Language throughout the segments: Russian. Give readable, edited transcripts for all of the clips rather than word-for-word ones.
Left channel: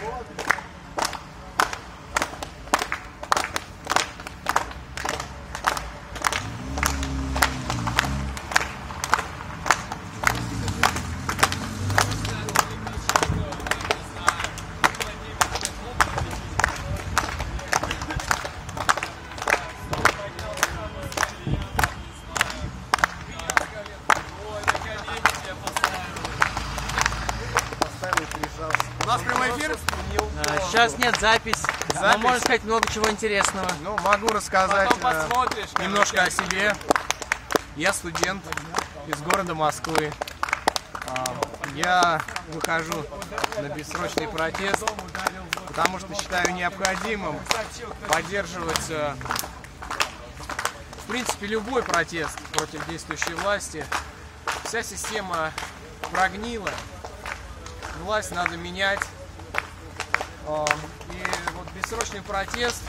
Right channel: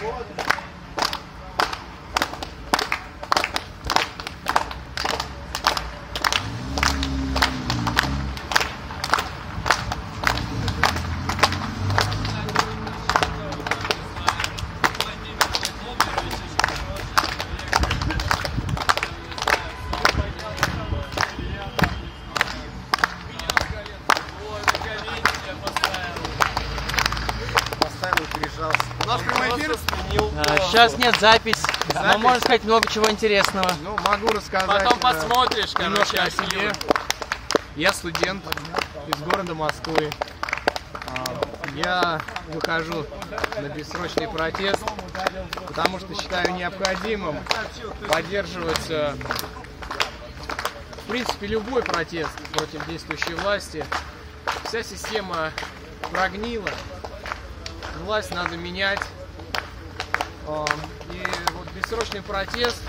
У нас прямой эфир? Сейчас нет запись. Но можно сказать много чего интересного. Ну, могу рассказать немножко о себе. Я студент из города Москвы. Я выхожу на бессрочный протест, потому что считаю необходимым поддерживать, в принципе, любой протест против действующей власти. Вся система прогнила. Власть надо менять. И вот бессрочный протест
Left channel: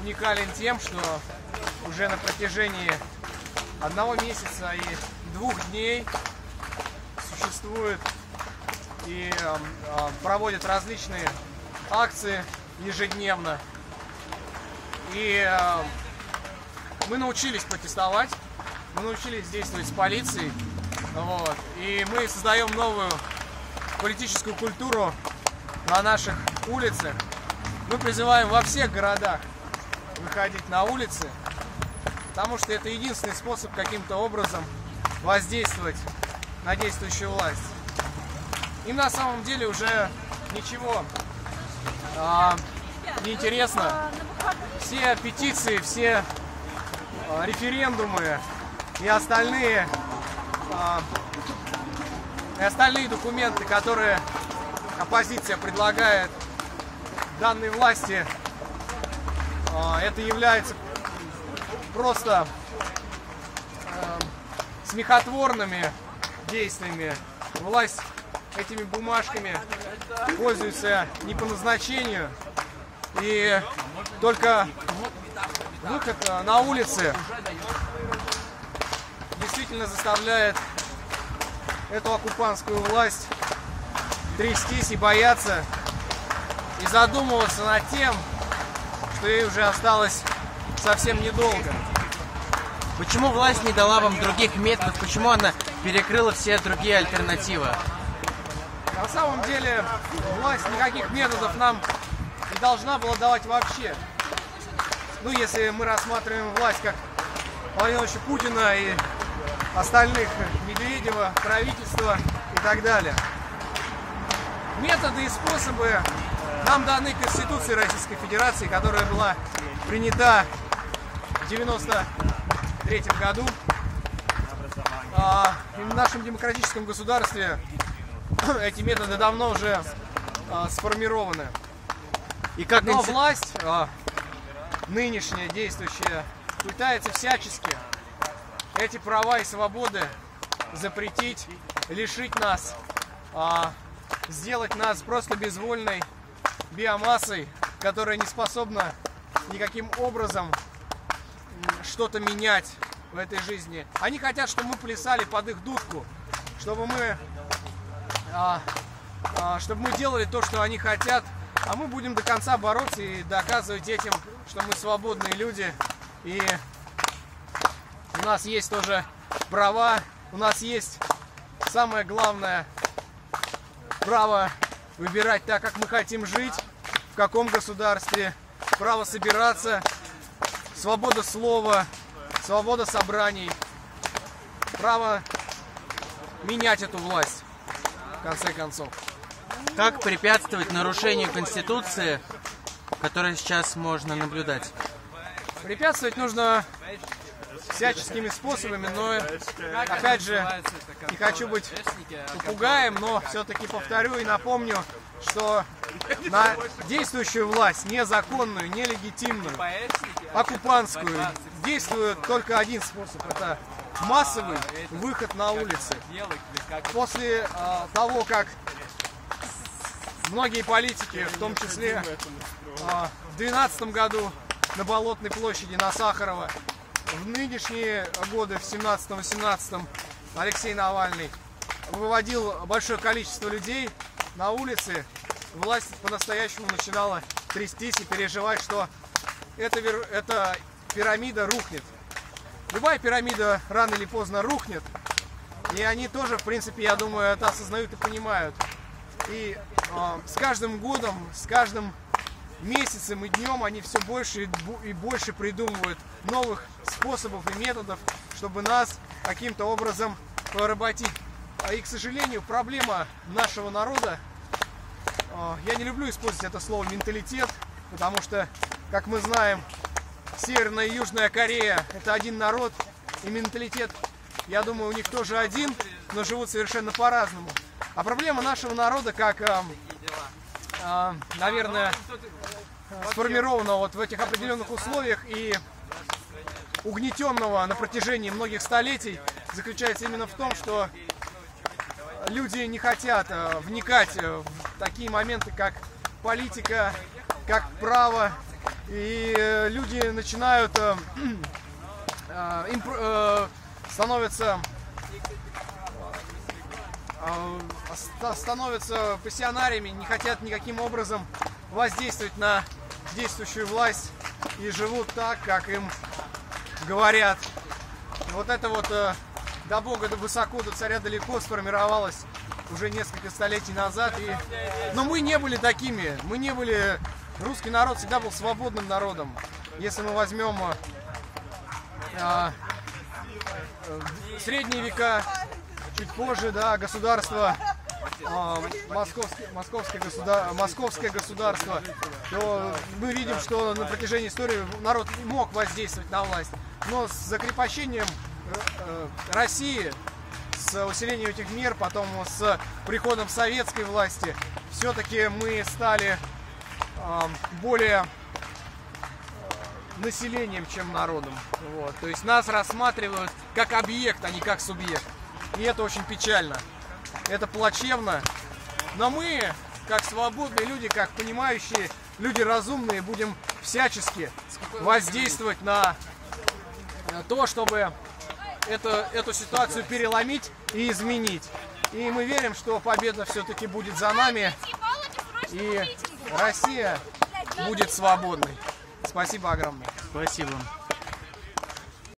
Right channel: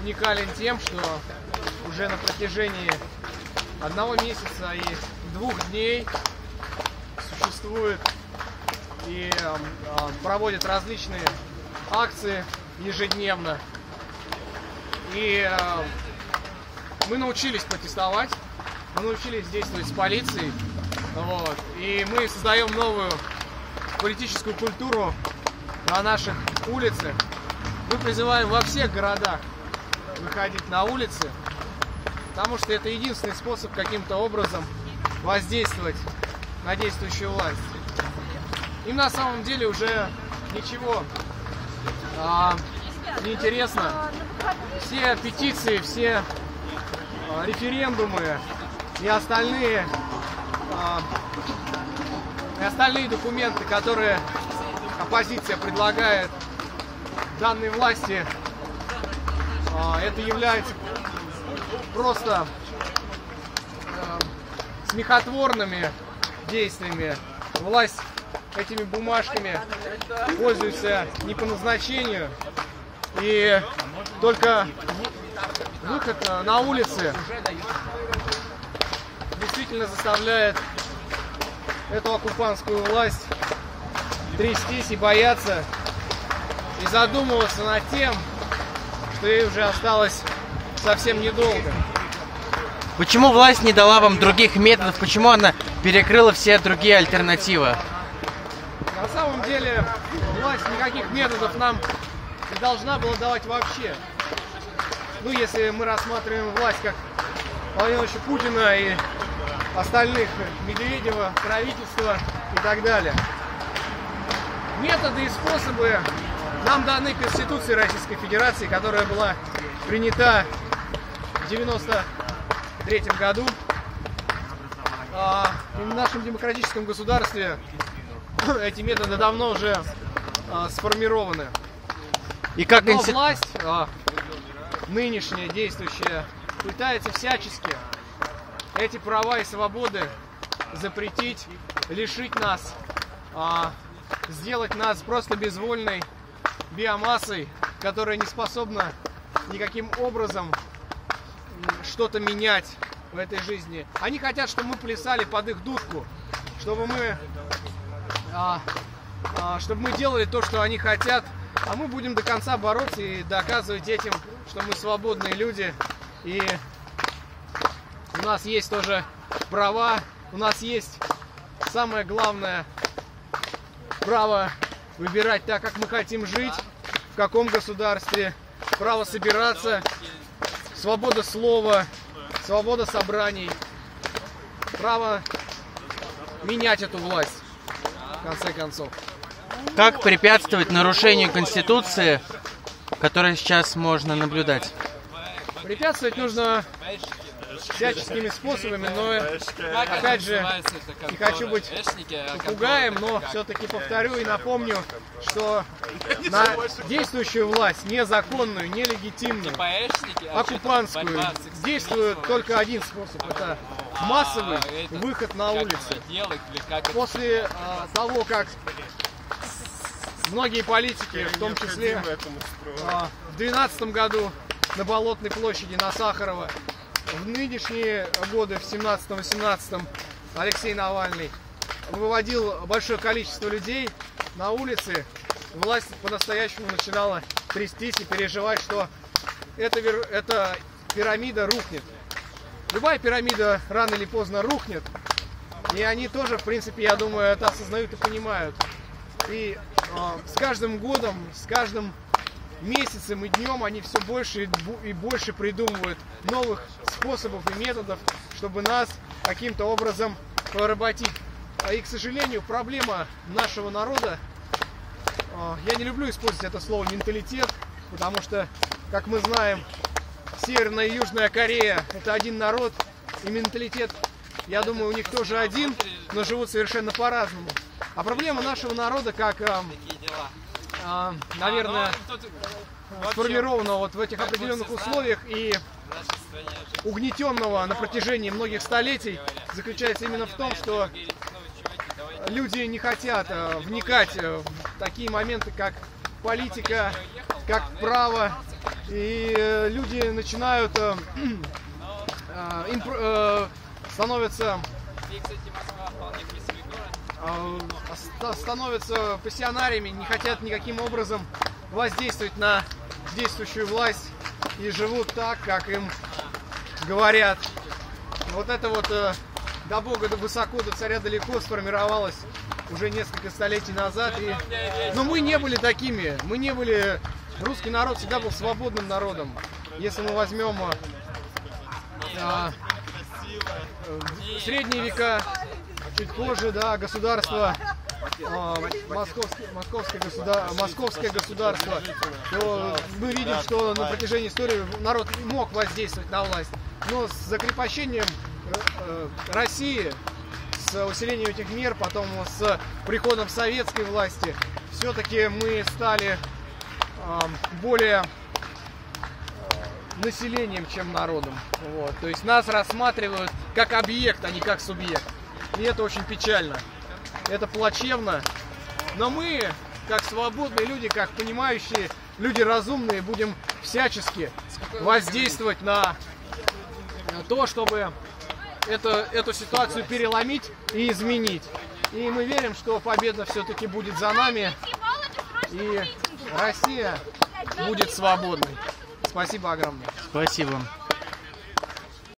уникален тем, что уже на протяжении 1 месяца и 2 дней существует и проводят различные акции ежедневно. И мы научились протестовать, мы научились действовать с полицией. Вот, и мы создаем новую политическую культуру на наших улицах. Мы призываем во всех городах выходить на улицы, потому что это единственный способ каким-то образом воздействовать на действующую власть. Им на самом деле уже ничего не интересно. Все петиции, все референдумы и остальные документы, которые оппозиция предлагает данной власти, это является просто смехотворными действиями. Власть этими бумажками пользуется не по назначению, и только выход на улицы действительно заставляет эту оккупантскую власть трястись и бояться, и задумываться над тем, что ей уже осталось совсем недолго. Почему власть не дала вам других методов? Почему она перекрыла все другие альтернативы? На самом деле власть никаких методов нам не должна была давать вообще. Ну, если мы рассматриваем власть как Владимира Владимировича Путина и остальных, Медведева, правительства и так далее. Методы и способы нам даны Конституцией Российской Федерации, которая была принята в 1993 году. В нашем демократическом государстве эти методы давно уже сформированы. И как Но власть, нынешняя, действующая, пытается всячески эти права и свободы запретить, лишить нас, сделать нас просто безвольной биомассой, которая не способна никаким образом что-то менять в этой жизни. Они хотят, чтобы мы плясали под их дудку, чтобы мы делали то, что они хотят, а мы будем до конца бороться и доказывать этим, что мы свободные люди, и у нас есть тоже права, у нас есть самое главное право выбирать так, как мы хотим жить, в каком государстве, право собираться, свобода слова, свобода собраний, право менять эту власть, в конце концов. Как препятствовать нарушению Конституции, которое сейчас можно наблюдать? Препятствовать нужно всяческими способами, но, опять же, не хочу быть попугаем, но все-таки повторю и напомню, что на действующую власть, незаконную, нелегитимную, оккупантскую, действует только один способ – это массовый выход на улицы. После того, как многие политики, в том числе в 2012 году на Болотной площади, на Сахарова, в нынешние годы, в 17-18, Алексей Навальный выводил большое количество людей на улицы власть по-настоящему начинала трястись и переживать, что эта пирамида рухнет. Любая пирамида рано или поздно рухнет. И они тоже, в принципе, я думаю, это осознают и понимают. И с каждым годом, с каждым месяцем и днем они все больше и больше придумывают новых способов и методов, чтобы нас каким-то образом поработить. И, к сожалению, проблема нашего народа, я не люблю использовать это слово менталитет, потому что, как мы знаем, Северная и Южная Корея — это один народ, и менталитет, я думаю, у них тоже один, но живут совершенно по-разному. А проблема нашего народа, как, наверное, сформированного вот в этих определенных условиях и угнетенного на протяжении многих столетий, заключается именно в том, что люди не хотят вникать в такие моменты, как политика, как право, и люди начинают становятся пассионариями, не хотят никаким образом воздействовать на действующую власть и живут так, как им говорят. И вот это вот до Бога, до высоко, до царя далеко сформировалось уже несколько столетий назад. Но мы не были такими. Мы не были... Русский народ всегда был свободным народом. Если мы возьмем средние века, чуть позже, да, государство, московское государство, то мы видим, что на протяжении истории народ мог воздействовать на власть. Но с закрепощением России, с усилением этих мер, потом с приходом советской власти, все-таки мы стали более населением, чем народом. Вот. То есть нас рассматривают как объект, а не как субъект. И это очень печально. Это плачевно. Но мы, как свободные люди, как понимающие люди разумные, будем всячески воздействовать на то, чтобы эту ситуацию переломить и изменить. И мы верим, что победа все-таки будет за нами. И Россия будет свободной. Спасибо огромное. Спасибо.